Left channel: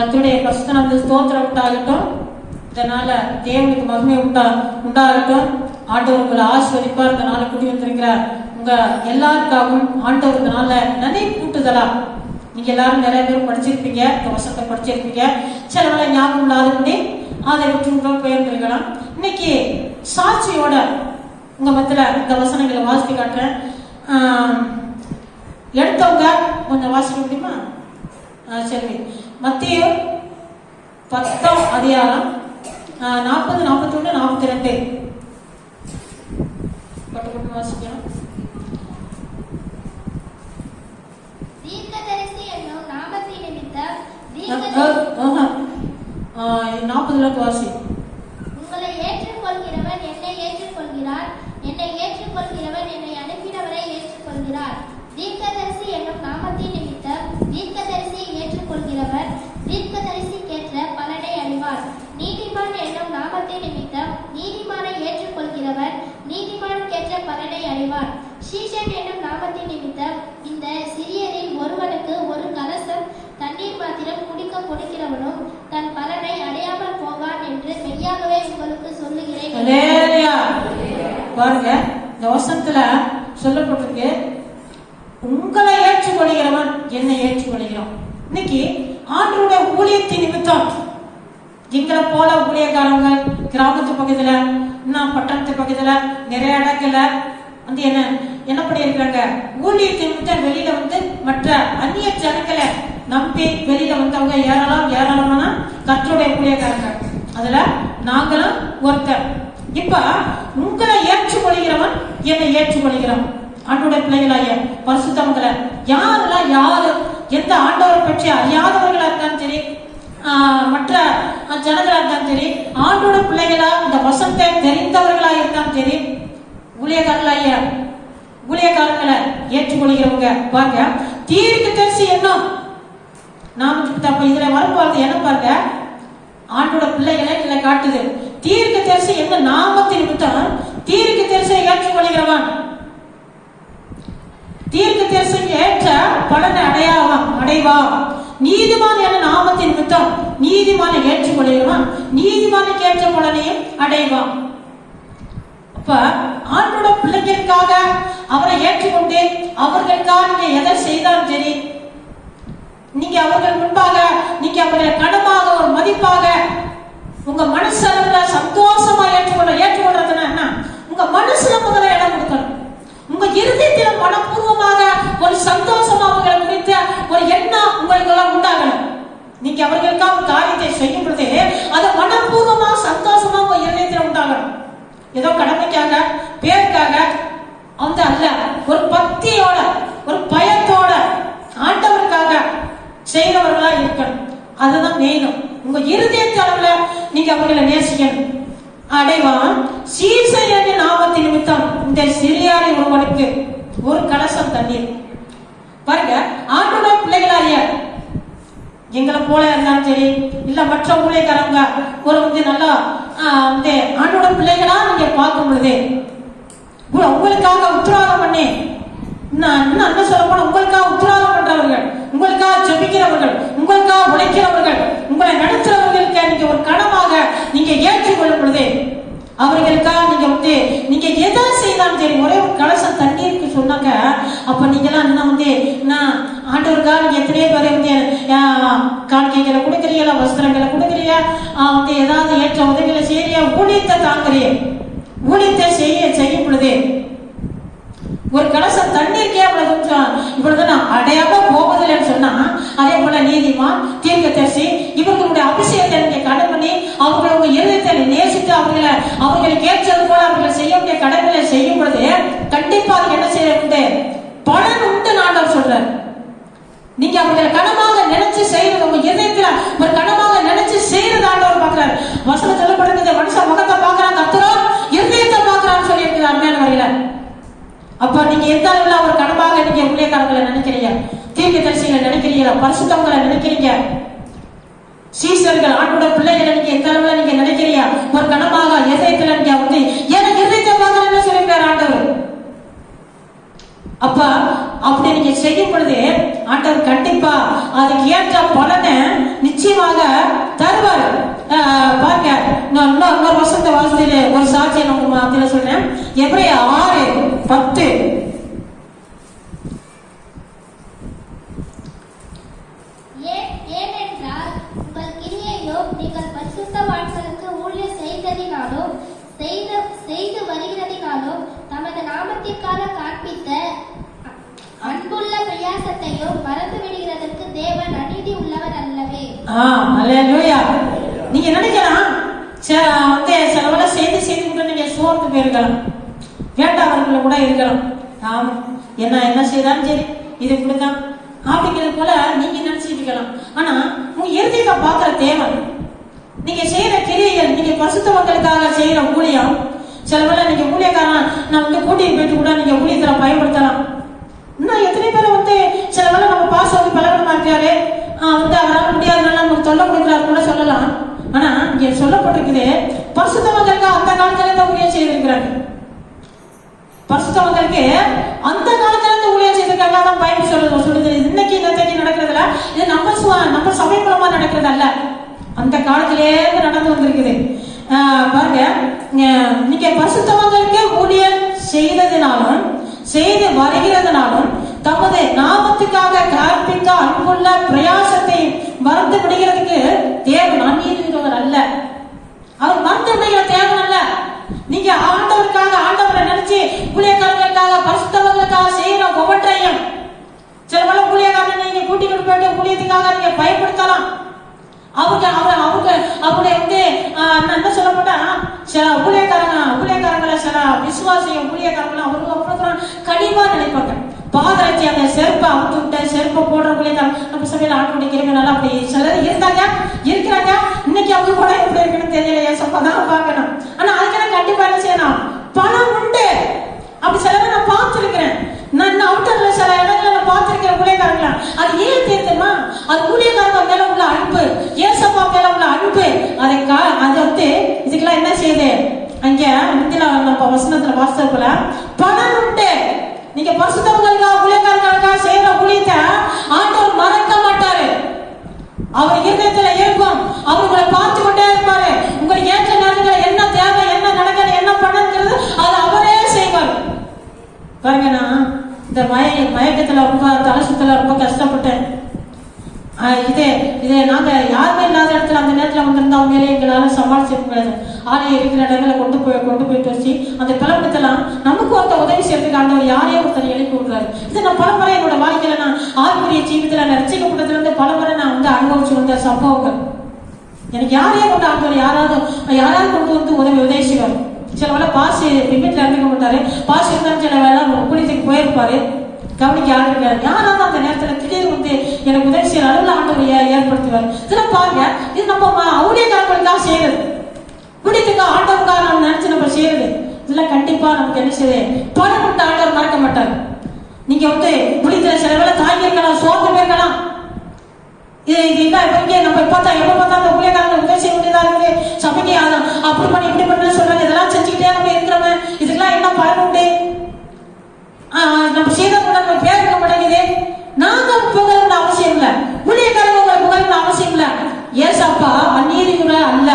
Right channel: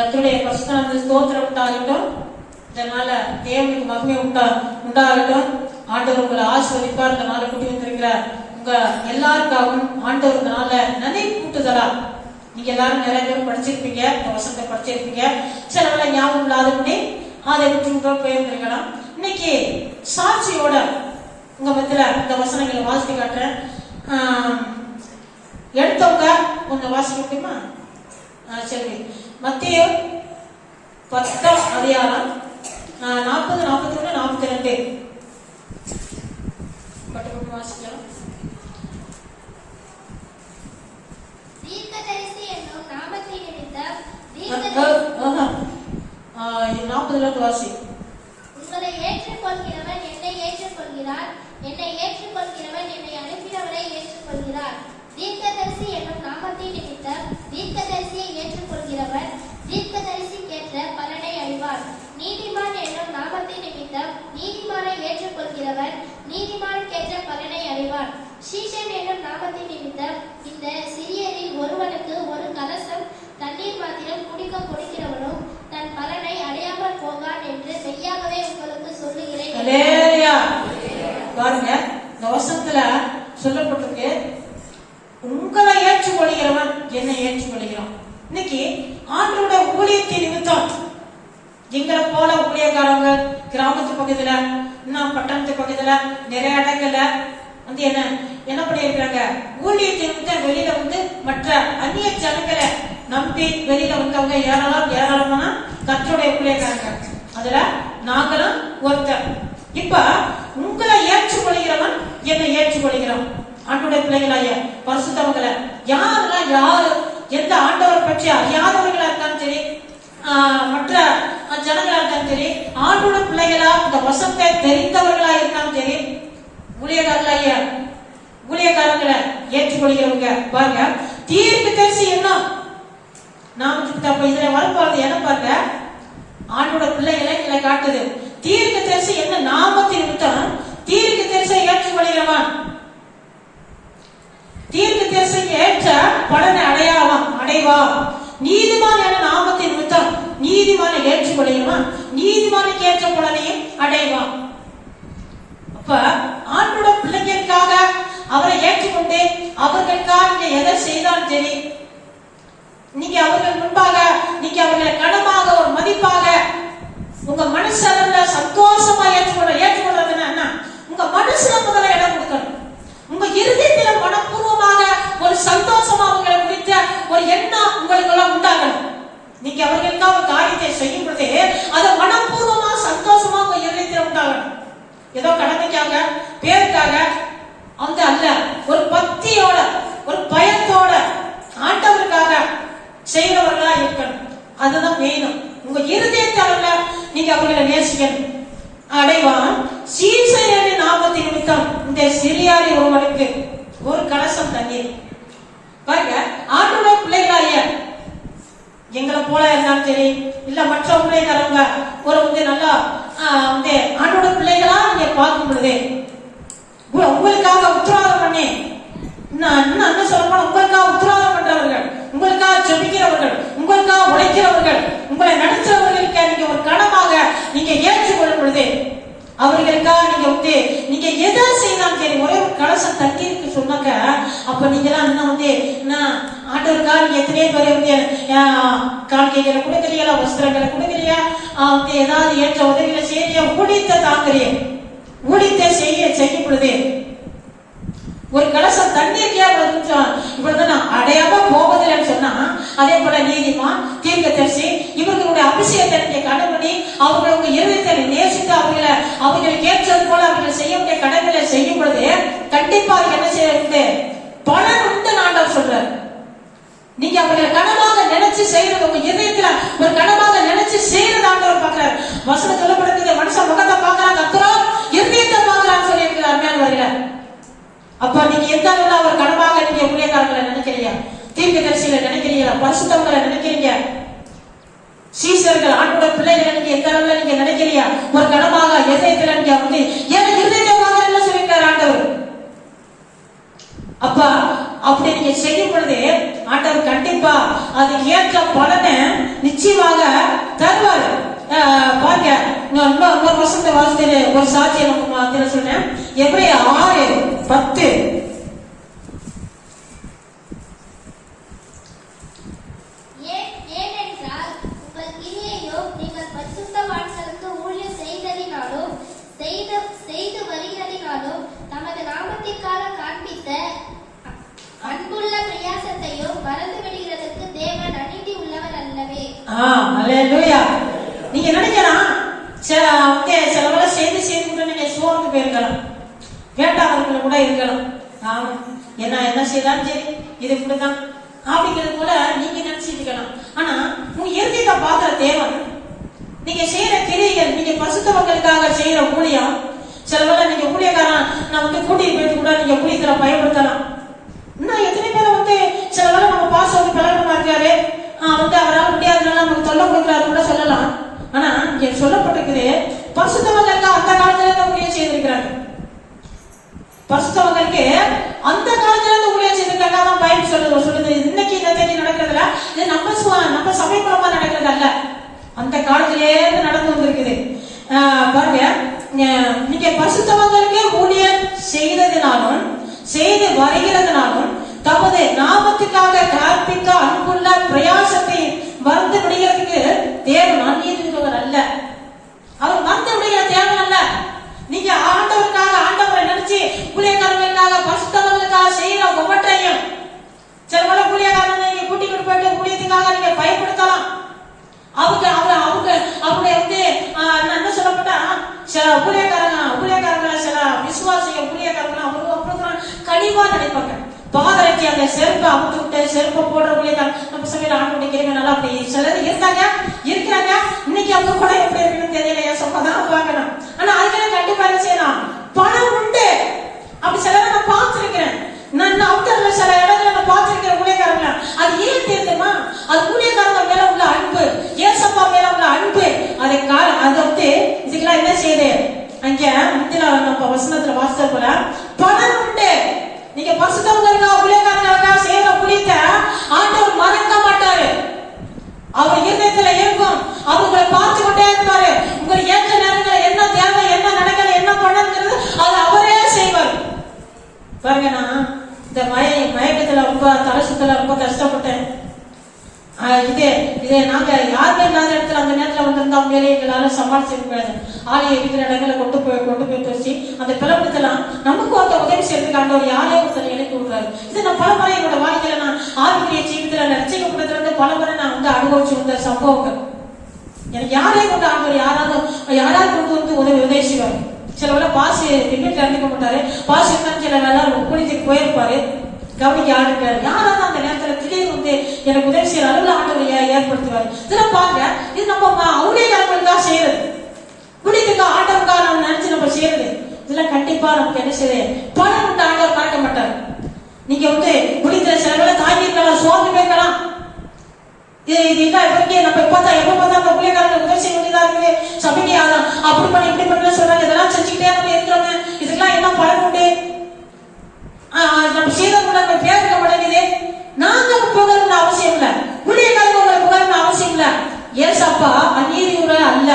கர்த்தருடைய பரிசுத்த ஸ்தோத்திரம் உண்டாகட்டும். இதனால தேவனுக்கு மகிமை உண்டாகட்டும். ஆண்டவர் உங்களை ஆசீர்வதிப்பார். இந்த நாளை கூட்டி வந்திருக்கிறார். உங்க எல்லாருக்காகவும் ஆண்டவருக்கு நாள நினைவு கூட்டுதலா நீங்க எல்லாரும் நிறைய பேர் படிச்சிருப்பீங்க, வசனத்தை படிச்சிருப்பீங்க. சில நாள ஞாபகம் இல்லாதபடி அதை விட்டு போயிருந்திருக்கலாம். இன்னைக்கு சாட்சியோட உங்க மத்தியில இந்த வசனங்களை வாசித்து காட்டுறேன். எடுத்தவங்க கொஞ்சம் வாசிக்க முடியுமா? சரி, மத்திய 10 அதிகாரம் 40, 41, 42 பட்டு வாசிக்கலாம். தீர்க்கதரிசி என்னும் நாமத்தின் நிமித்தம் 40 வாசி. உங்களை ஏற்றுக்கொள்கிறவன் என்னை ஏற்றுக்கொள்கிறார், என்னை ஏற்றுக்கொள்கிறவன் என்னை அனுப்பினவரை ஏற்றுக்கொள்கிறார். தீர்க்கதரிசி என்னும் நாமத்தின் நிமித்தம் தீர்க்கதரிசியை ஏற்றுக்கொள்கிறவர் தீர்க்கதரிசிக்கேற்ற பலனை அடைவார். நீதிமான் என்னும் நாமத்தின் நிமித்தம் நீதிமானை ஏற்றுக்கொள்கிறவர் நீதிமானுக்கேற்ற பலனை அடைவார். சீஷன் என்னும் நாமத்தின் நிமித்தம் இந்த சிறியரில் ஒருவனுக்கு ஒரு கலசம் தண்ணீர் மாத்திரம் குடிக்க கொடுக்கிறவனும் தன் பலனை அடையாமல் போவான் என்று மெய்யாகவே உங்களுக்கு சொல்லுகிறேன். பாருங்க, இந்த வசனத்துல சொல்லப்பட்டிருக்கு, உங்களை ஏற்றுக்கொள்கிறவன் என்னை ஏற்றுக்கொள்கிறான். இன்னைக்கு ஆண்டவருடைய ஊழியத்தின் நிமித்தம் எங்களை போல ஊழியக்காரங்க கிராமத்து பக்கத்துல இன்னும் பட்டணத்து பக்கத்துல நிறைய இடங்கள்ல வந்து என்ன பண்ணிருக்காங்க, ஊழியத்தின் நிமித்தம் வெளியில வந்து மற்ற அந்நிய ஜனங்களை நம்பி வெளியில வந்தவங்க ஏராளமான கர்த்தருடைய ஊழியக்காரங்க. அதுல நாங்களும் ஒருத்தர். இப்ப உங்களை ஏற்றுக்கொள்கிறவன் என்னை ஏற்றுக்கொள்கிறோம். ஆண்டவருடைய பிள்ளைகளாய பரிசுத்தவங்களை யாரு எந்த ஆண்டவரை பற்றி அறியாதவர்களா இருந்தாலும் சரி, மற்ற ஜனங்களா இருந்தாலும் சரி, ஆண்டோட பிள்ளைகளா இந்த வசனத்தை தெரிந்தவர்களா இருந்தாலும் சரி, ஊழியக்காரங்களை ஏற்றுக்கொள்கிறவங்க பாருங்க. தீர்க்கதரிசி என்ன நாம இதுல வரும்போது என்ன பாருங்க, ஆண்டோட பிள்ளைகளை இதுல காட்டுது. தீர்க்கதரிசி என்ன நாமத்தின் நிமித்தம் தீர்க்கதரிசியை ஏற்றுக்கொள்கிறவன் தீர்க்கதரிசி ஏற்ற பலனை அடைவா. நீதிமான் என நாமத்தின் நிமித்தம் நீதிமானை ஏற்றுக்கொள்கிறவன் நீதிமானுக்கு ஏற்ற பலனையும் அடைவான். அப்ப ஆண்டோட பிள்ளைகளுக்காக அவரை ஏற்றுக்கொண்டு அவர்களுக்காக நீங்க எதை செய்தாலும் சரி, நீங்க அவர்கள் முன்பாக நீங்க அவர்களை கனமாக ஒரு மதிப்பாக உங்க மனசுல சந்தோஷமா ஏற்றுக்கொள்றதுன்னா என்ன, உங்க மனசுல முதல்ல இடம் கொடுக்கணும். உங்க இருதயத்தில மனப்பூர்வமாக ஒரு சந்தோஷமா அவர்களை குறித்த ஒரு எண்ணம் உங்களுக்கு எல்லாம் உண்டாகணும். நீங்க அவர்களுக்காக காரியத்தை செய்யும் பொழுது அது மனப்பூர்வமா சந்தோஷமா உங்க இருதயத்தில உண்டாகணும். ஏதோ கடமைக்காக பேருக்காக அந்த அல்ல, ஒரு பக்தியோட ஒரு பயத்தோட ஆண்டவருக்காக செய்யறவர்களா இருக்கணும். அதுதான் வேணும். உங்க இருதயத்தால நீங்க அவர்களை நேசிக்கணும். அடைவான். சீசனுடைய நாமத்தின் நிமித்தம் இந்த சிறியாரில் ஒருவனுக்கு ஒரு கலசம் தண்ணீர். பாருங்க, ஆண்டோட பிள்ளைகளாய எங்களை போல இருந்தாலும் சரி, இல்ல மற்ற ஊழியக்காரங்க ஒரு வந்து நல்லா ஆண்டோட பிள்ளைகளா நீங்க பார்க்கும் பொழுது உங்களுக்காக உத்தரவாதம் பண்ணி இன்னும் சொல்ல போனா உங்களுக்காக உத்தரவாதம் பண்றவர்கள், உங்களுக்காக ஜெபிக்கிறவர்கள், உங்களுக்காக உழைக்கிறவர்கள், உங்களை நடத்துறவர்களுக்கு நீங்க ஒரு கடமாக நீங்க ஏற்றுக்கொள்ளும் பொழுது அவர்களுக்காக நீங்க வந்து நீங்க எதை செய்யலாம் சரி, ஒரே ஒரு கலசம் தண்ணீருக்கு சொன்னாக்க அப்ப நீங்க எல்லாம் இன்னும் வந்து ஆண்டவருக்காக நீங்க எத்தனையோ பேர் வந்து காணிக்கைகளை கொடுக்குறீங்களா, வஸ்திரங்களை கொடுக்குறீங்க, வந்து ஏதாவது ஏற்ற உதவிகளை செய்யறியா, ஊழியத்தை தாக்குறீங்க. ஊழியத்தை செய்யும் பொழுது ஒரு கலசம் தண்ணீருக்கே இவ்வளவு நான் அடையாம போவதில்லைன்னு சொன்னா, அதே போல நீதிமான் தீர்க்கதரிசி இவர்களுடைய அபிஷேகத்தை நீங்க கடன் பண்ணி அவர்களுடைய இருதயத்தை நேசித்து அவர்களுக்கு ஏற்றது போல அவர்களை செய்ய கடமைகளை செய்யும் பொழுது கண்டிப்பாக என்ன செய்ய பலன் உண்டு ஆண்டவர் சொல்றார். நீங்க அவர்களை கனமாக நினைச்சு செய்யறது, உங்க இருதயத்துல ஒரு கனமாக நினைச்சு செய்யறது ஆண்டவர் பார்க்கிறார். வசனம் சொல்லப்படுறது மனுஷன் முகத்தை பார்க்கறான், கர்த்தரோ இருதயத்தை பார்க்கறான்னு சொல்லி இருக்கிறார். அப்ப நீங்க எந்த அளவுல அவர் கடமாக நீங்க ஊழியக்காரர்களை நினைக்கிறீங்க, தீர்க்கதரிசிகளை நினைக்கிறீங்களா, பரிசுத்தவங்களை நினைக்கிறீங்க, சீசர்கள் ஆண்டோட பிள்ளைகளை நீங்க எந்த அளவுல நீங்க நினைக்கிறீங்க, ஒரு கடமாக இதயத்துல நீங்க வந்து எனக்கு இருதயத்தை பார்க்கறேன்னு சொல்லிருக்காரு ஆண்டவர். அப்ப அப்படி நீங்க செய்யும் பொழுது ஆண்டவர் கண்டிப்பா அதுக்கு ஏற்ற பலனை நிச்சயமாக இன்னொரு வசனத்தை வாசித்து ஒரு சாட்சியை நம்ம மத்தியில சொன்னேன். எபிரேயர் 6:10. ஏனென்றால் உங்கள் கிரியையோ நீங்கள் பரிசுத்தவான்களுக்கு ஊழியம் செய்து வருகிறதினாலோ நமது நாமத்திற்காக காண்பித்த அன்புள்ள பிரயாசத்தையோ மறந்து விடுகிறதற்கு தேவன் அநீதி உள்ளவர் அல்லவே. அல்லேலூயா. நீங்க நினைக்கலாம் சில வேலை செய்து நீங்க சோர்ந்து போயிருக்கலாம், வேண்டாதவர்கள் கூட இருக்கலாம். ஆமா, என்ன செய்யலாம், சரி இது இப்படிதான் அப்படிங்கிறது போல நீங்க நினைச்சிட்டு இருக்கலாம். ஆனா உங்க இறுதியை பாக்குற தேவன் நீங்க செய்யற கிரியைகள், நீங்க பசுத்தவங்களுக்காக செய்யற ஊழியம், சில வேலை நீங்க ஊழியக்காரன் நான் கூட்டிட்டு போயிட்டு கூட நீங்க ஊழியத்துல பயன்படுத்தலாம். இன்னும் எத்தனை பேரை சில வேலை நம்ம பாஸ் பலகரமா இருக்காரு, அவரால் முடியாதனால நமக்கு சொல்ல கொடுக்குறாரு கூட சொல்லலாம். ஆனா இங்க சொல்லப்பட்டிருக்குது, பரிசுத்தவங்களுக்கு அந்த காலத்துல இருந்து ஊழியம் செய்திருக்கிறாங்க. பரிசுத்தவங்களுக்கு அந்த காலத்துல இருந்து ஊழியம் செய்திருக்காங்க. அதான் பைபிள் சொல்லுது. இன்னைக்கு இந்த தேதி நடக்கிறதுல இது நம்ம சபை மூலமா நடக்கிறது அல்ல, அந்த காலத்திலே நடந்து வந்திருக்குது. பாருங்க, நீங்க பரிசுத்தவங்களுக்கு ஊழியம் செய்ததினாலும் செய்து வருகிறதுனாலும் தமது நாமத்துக்காக கற்பித்த அன்புள்ள பிரயாசத்தை மறந்து விடுகிறதுக்கு தேவன் அநீதியுள்ளவர் அல்ல. அவர் மறந்து விடுகிற தேவன் அல்ல. நீங்க ஆண்டவரை நினைச்சு ஊழியக்காரர்களுக்காக பரிசுத்தவங்களுக்காக செய்யற ஒவ்வொன்றையும் சில பல ஊழியக்காரர்கள் நீங்க கூட்டிட்டு போயிட்டு ஊழியத்துக்காக நீங்க பயன்படுத்தலாம். அவங்க அப்படி என்ன சொல்லப்பட்டா சில ஊழியக்காரங்களை சில விசுவாசிய ஊழியக்காரங்களை அவங்க கனிவா நினைப்பாங்க. பாதரட்சி அந்த செருப்பை அமுத்து விட்டு செருப்பை போடுற ஊழியக்காரங்க நம்ம சபையில ஆண்டு இருக்கிறனால அப்படி சிலர் இருக்கிறாங்க. இன்னைக்கு அவங்க கூட எப்படி இருக்குன்னு தெரியலையா, சொன்னதான் பார்க்கணும். ஆனா அதுக்கெல்லாம் கண்டிப்பா என்ன செய்யணும், பணம் உண்டு. அப்படி சிலரை நான் பார்த்திருக்கிறேன். நான் அவுட்டர்ல சில இடத்துல நான் பார்த்திருக்கிறேன் ஊழியக்காரங்கள. அது ஏன் தெரியுமா, அது ஊழியக்காரங்க மேல உள்ள அன்பு, ஏசப்பா மேல உள்ள அன்பு. அது இதுக்கெல்லாம் என்ன செய்யுது, அங்க முந்தின நம்ம வசனத்துல வாசிச்சப்பல பணம் உண்டு. நீங்க பரிசுத்தவங்களுக்காக ஊழியக்காரங்களுக்காக செய்யற ஊழியத்தை ஆண்டவர் மறக்க மாட்டாரு. அவர் இருதயத்துல இருக்கும். அவங்களை பார்த்து கொண்டே இருப்பாரு. உங்களுக்கு ஏற்ற நேரங்கள் என்ன தேவை, என்ன நடக்கிறது, என்ன பண்ணுங்கிறது அது அவரே செய்வார். பாருங்க, நான் இந்த மயக்கத்துல ரொம்ப தலசுத்துல ரொம்ப கஷ்டப்பட்டேன். இதே நாங்க யாருமே இல்லாத இடத்துல அந்த நேரத்துல வந்து அவங்களே எங்களால சமாளிச்சிருக்க முடியாது. ஆலையை இருக்கிற இடங்களை கொண்டு போய் வச்சு அந்த பிறப்பத்தெல்லாம் நமக்கு உதவி செய்யறதுக்காக ஒரு யாரையோ ஒருத்தனை எழுப்பி விடுறாரு. இது நான் பலமுறை என்னோட வாழ்க்கையில நான் ஆர்வடைய ஜீவிதத்துல ரசிக்கப்பட்டதுல இருந்து பலமுறை நான் அனுபவிச்சு வந்த சம்பவங்கள். எனக்கு யாரையும் கொண்டு ஆண்டவர் யாராவது கொண்டு வந்து உதவி செய்வார். சில வேலை பாசி வீட்டுல இருந்துக்க மாட்டாரு. பாசி இருந்தாலும் சில வேலை குளித்துக்கு போயிருப்பாரு. கவனிக்க ஆரம்பிக்காரு. யாராவது அந்த நேரத்துல திடீர்னு வந்து எனக்கு உதவி செய்யற அளவுல ஆண்டவர் ஏற்படுத்துவார். இதெல்லாம் பாருங்க, இது நம்ம ஊழியக்காரங்களுக்காக செய்யறது, குடித்துக்கா ஆண்டவருக்காக நம்ம நினைச்சு நம்ம செய்யறது. இதெல்லாம் கண்டிப்பா நமக்கு என்ன செய்யுது, பணம் விட்டு ஆண்டவர் காட்ட மாட்டார். நீங்க குடிக்கிற சில வேலை தாங்கி இருக்கலாம், சோர்ந்து போயிருக்கலாம். நம்ம எப்ப பார்த்தா அந்த ஊழியக்காரங்க உதவி செய்ய வேண்டியதா இருக்குது. சபைக்கு அப்படி பண்ணி இப்படி பண்ண சொல்றாங்க. இதெல்லாம் செஞ்சுக்கிட்டே நம்ம இருக்கிறோமே, இதுக்கெல்லாம் என்ன பயம் உண்டு? நம்ம செய்யறவங்க பேருக்க மாட்டேங்குது. நாங்க புகழ்ந்த அவசியம் இல்ல, ஊழியக்காரங்க புகழ்ந்த அவசியம் இல்ல. ஏசப்பா அந்நீதி அல்ல,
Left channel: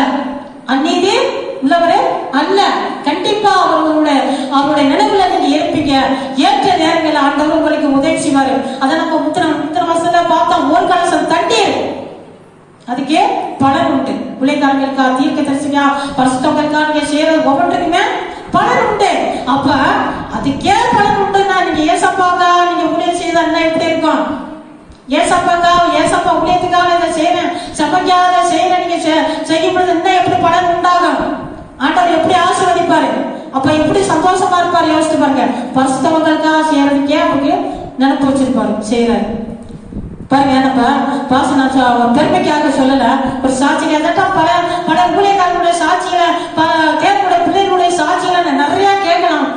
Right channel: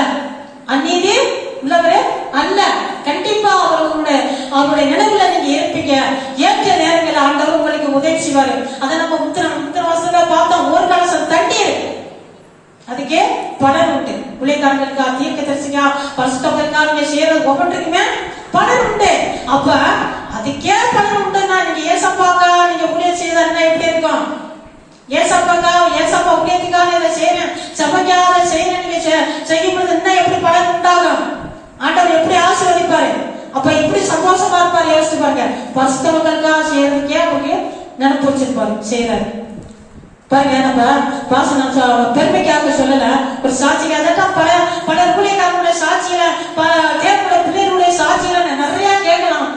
அந்நீதி உள்ளவரே அல்ல. கண்டிப்பா அவருடைய நினைவுல நீங்க ஏற்பீங்க. ஏற்ற நேரங்களில் ஆண்டவர் உங்களுக்கு உதவி செய்வாரு. அதை நம்ம முத்தின வருஷத்துல பார்த்தோம். ஒரு கலசம் தண்ணீர், அதுக்கே பலன் உண்டு. ஊழியக்காரங்களுக்கா, தீர்க்கதரிசியா, பரிசுத்தவங்களுக்கா நீங்க செய்யறது ஒவ்வொன்றுக்குமே பலன் உண்டு. அப்ப அதுக்கே பலன் உண்டுன்னா நீங்க ஏசப்பாக்கா நீங்க ஊழியம் செய்தா என்ன எப்படி இருக்கும்? ஏசப்பா ஊழியத்துக்காக இதை செய்யறேன், சபைக்காக செய்யறேன் நீங்க செய்யும் பொழுது என்ன எப்படி பலன் உண்டாகும்? ஆண்டவர் எப்படி ஆசீர்வதிப்பாரு? அப்ப எப்படி சந்தோஷமா இருப்பாரு? யோசிச்சு பாருங்க. பரிசுத்தவங்களுக்காக செய்யறதுக்கே அவருக்கு நினைப்பு வச்சிருப்பாரு, செய்யறாரு. பாருங்க, நம்ம பாசன பெருமைக்காக சொல்லல, ஒரு சாட்சிக்காக பல ஊழியக்காரங்களுடைய சாட்சிகளை, தேவனுடைய பிள்ளைகளுடைய சாட்சிகளை நிறைய கேட்கலாம்.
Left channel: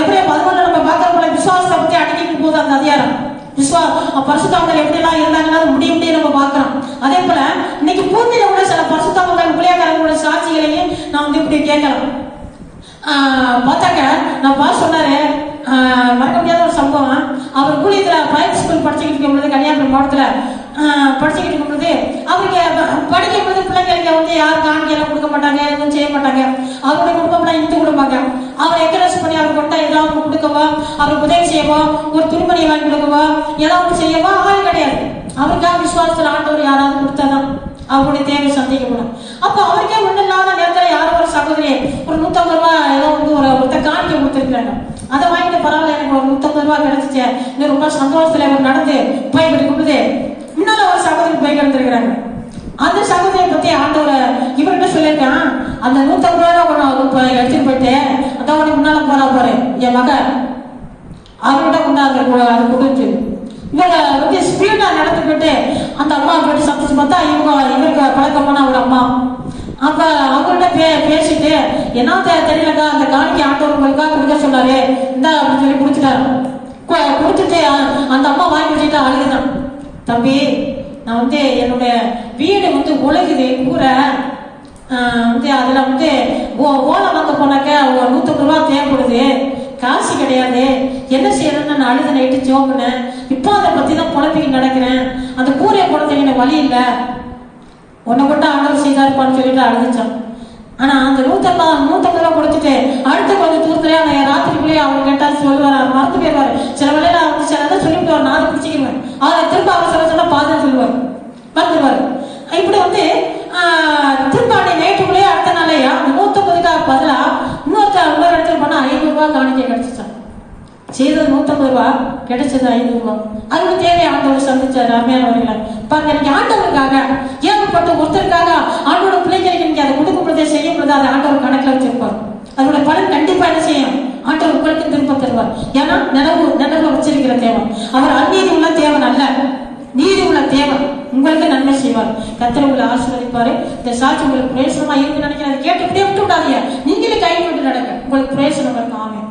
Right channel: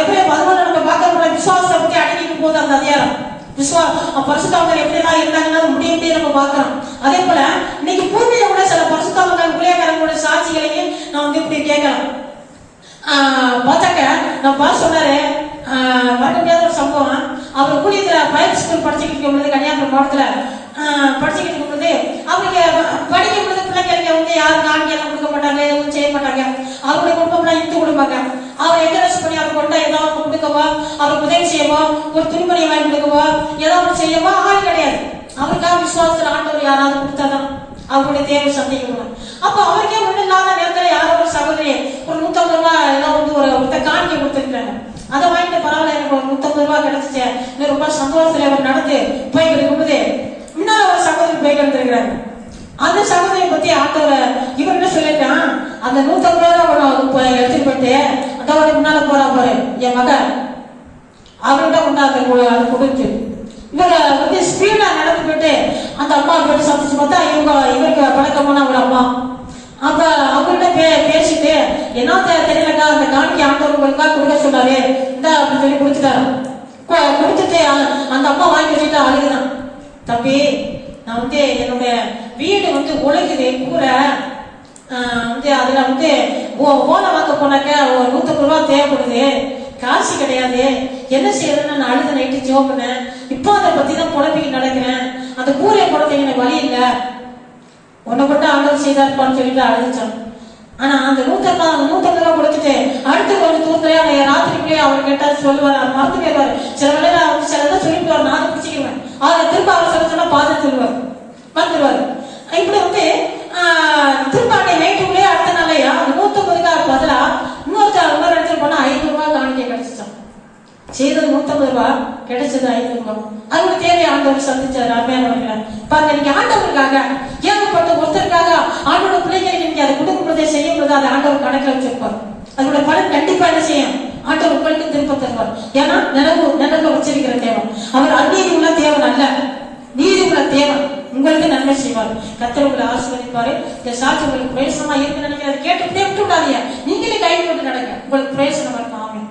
எப்படி 11 நம்ம பார்க்கக்கூடிய விசுவாசத்தை பத்தி அடங்கிக்கும் போது அந்த அதிகாரம் பரிசுத்தவங்க எப்படி எல்லாம் இருந்தாங்கன்னா முடிய நம்ம பார்க்கிறோம். அதே போல இன்னைக்கு பூமியில கூட சில பரிசுத்தவங்க ஊழியக்காரங்களோட சாட்சிகளையும் நான் இப்படி கேட்கலாம். பார்த்தாக்க நான் சொன்னாரு, மறக்க முடியாத ஒரு சம்பவம். அவர் ஊழியத்துல பைபிள் ஸ்கூல் படிச்சுக்கிட்டு இருக்கும் பொழுது, கன்னியாகுமரி மாவட்டத்துல படிச்சுக்கிட்டு இருக்கும் பொழுது அவருக்கு படிக்கும் போது பிள்ளைங்களுக்கு யாரும் காணிக்கையெல்லாம் கொடுக்க மாட்டாங்க, எதுவும் செய்ய மாட்டாங்க. ஏதாவது செய்யவா ஆள் கிடையாது. அவருக்காக விசுவாசத்தில் ஆண்டவர் யாராவது கொடுத்தாதான் அவருடைய தேவை சந்திக்கணும். அப்ப அவருக்கே ஒண்ணு இல்லாத நேரத்துல யாரோ ஒரு சகோதரி ஒரு 150 ரூபாய் ஏதோ வந்து ஒரு காணிக்கை கொடுத்துருக்காங்க. அதை வாங்கிட்டு பரவாயில்ல எனக்கு ஒரு 150 ரூபாய் கிடைச்சிச்சு, இன்னும் ரொம்ப சந்தோஷத்துல அவர் நடந்து போய்கிட்டு கொடுக்குது. இன்னொரு ஒரு சகோதரி போய் இருந்திருக்கிறாங்க. அந்த சகோதரி பத்தி ஆண்டவர் இவர்கிட்ட சொல்லியிருக்கான், அந்த 150 ரூபாய் எடுத்துட்டு போயிட்டு அதோட முன்னால போறா பாரு என் மகன் அவர்கிட்ட கொண்டாந்து அதை கொடுத்து இவங்க வந்து ஸ்பீடா நடந்து போயிட்டு அந்த அம்மா போயிட்டு சமைச்சு பார்த்தா இவருக்கு பழக்கமான ஒரு அம்மா. அப்ப அவர்கிட்ட பேசிட்டு என்ன தெரியலக்கா அந்த காணிக்கை ஆண்டவர்களுக்கா கொடுக்க சொன்னாரு இந்த அப்படின்னு சொல்லி கொடுத்துட்டாரு. கொடுத்துட்டு அந்த அம்மா வாங்கி வச்சுட்டு அழுகுதான், தம்பி நான் வந்து என்னுடைய வீடு வந்து உழைக்குது கூரை வந்து அதுல வந்து ஓலை வாங்க போனாக்க ஒரு 150 ரூபாய் தேவைப்படுது, காசு கிடையாது, என்ன செய்யறதுன்னு நான் அழுத நைட்டு ஜோபினேன். இப்போ அதை பத்தி தான் குழந்தைக்கு நடக்கிறேன், அந்த கூரையை குழந்தைங்க எனக்கு வழி இல்லை, உன்னை கொண்டு ஆண்டவர் செய்தாருப்பான்னு சொல்லிட்டு அழுதுச்சான். ஆனா அந்த 150 ரூபாய் கொடுத்துட்டு அடுத்த கொஞ்சம் தூரத்துல ராத்திரிக்குள்ளேயே அவர் கேட்டா சொல்லுவார், மறந்து போயிடுவாரு. சில வேலையில அவங்க சிலதான் சொல்லிட்டு வர நான் பிடிச்சிக்கிறேன், அதை திரும்ப அவர் சொல்ல சொன்னா பாதுகாத்து சொல்லுவார், மறந்துடுவாரு. இப்படி வந்து திரும்ப நைட்டுக்குள்ளேயே அடுத்த நாளையா அந்த 150 பதிலா இன்னொரு இடத்துல போனா 500 ரூபாய் காணிக்கை கிடைச்சிச்சான். செய்தது 150 ரூபாய், கிடைச்சது 500 ரூபாய். அவங்க தேவையை ஆண்டவர் சந்திச்சாரு. அருமையானவர்களே பாருங்க, நீங்க ஆண்டவருக்காக ஏகப்பட்ட ஒருத்தருக்காக ஆண்டோட பிள்ளைகளுக்கு நீங்க அதை கொடுக்க முடியாத செய்ய முடியாது, அதை ஆண்டவர் கணக்கில் வச்சிருப்பார். அதோட பலன் கண்டிப்பா என்ன செய்யும், ஆண்டவர் உங்களுக்கு திரும்ப தருவார். ஏன்னா நினைவு வச்சிருக்கிற தேவன் அவர் அநீதி உள்ள தேவன் அல்ல, நீதி உள்ள தேவன், உங்களுக்கு நன்மை செய்வார். கர்த்தர் உங்களை ஆசீர்வதிப்பாரு. இந்த சாட்சி உங்களுக்கு பிரயோசனமா இருக்கு நினைக்கிறத கேட்டு விட்டு விடாதீங்க, நீங்களே கை விட்டு நடக்க உங்களுக்கு பிரயோசனம் இருக்கும்.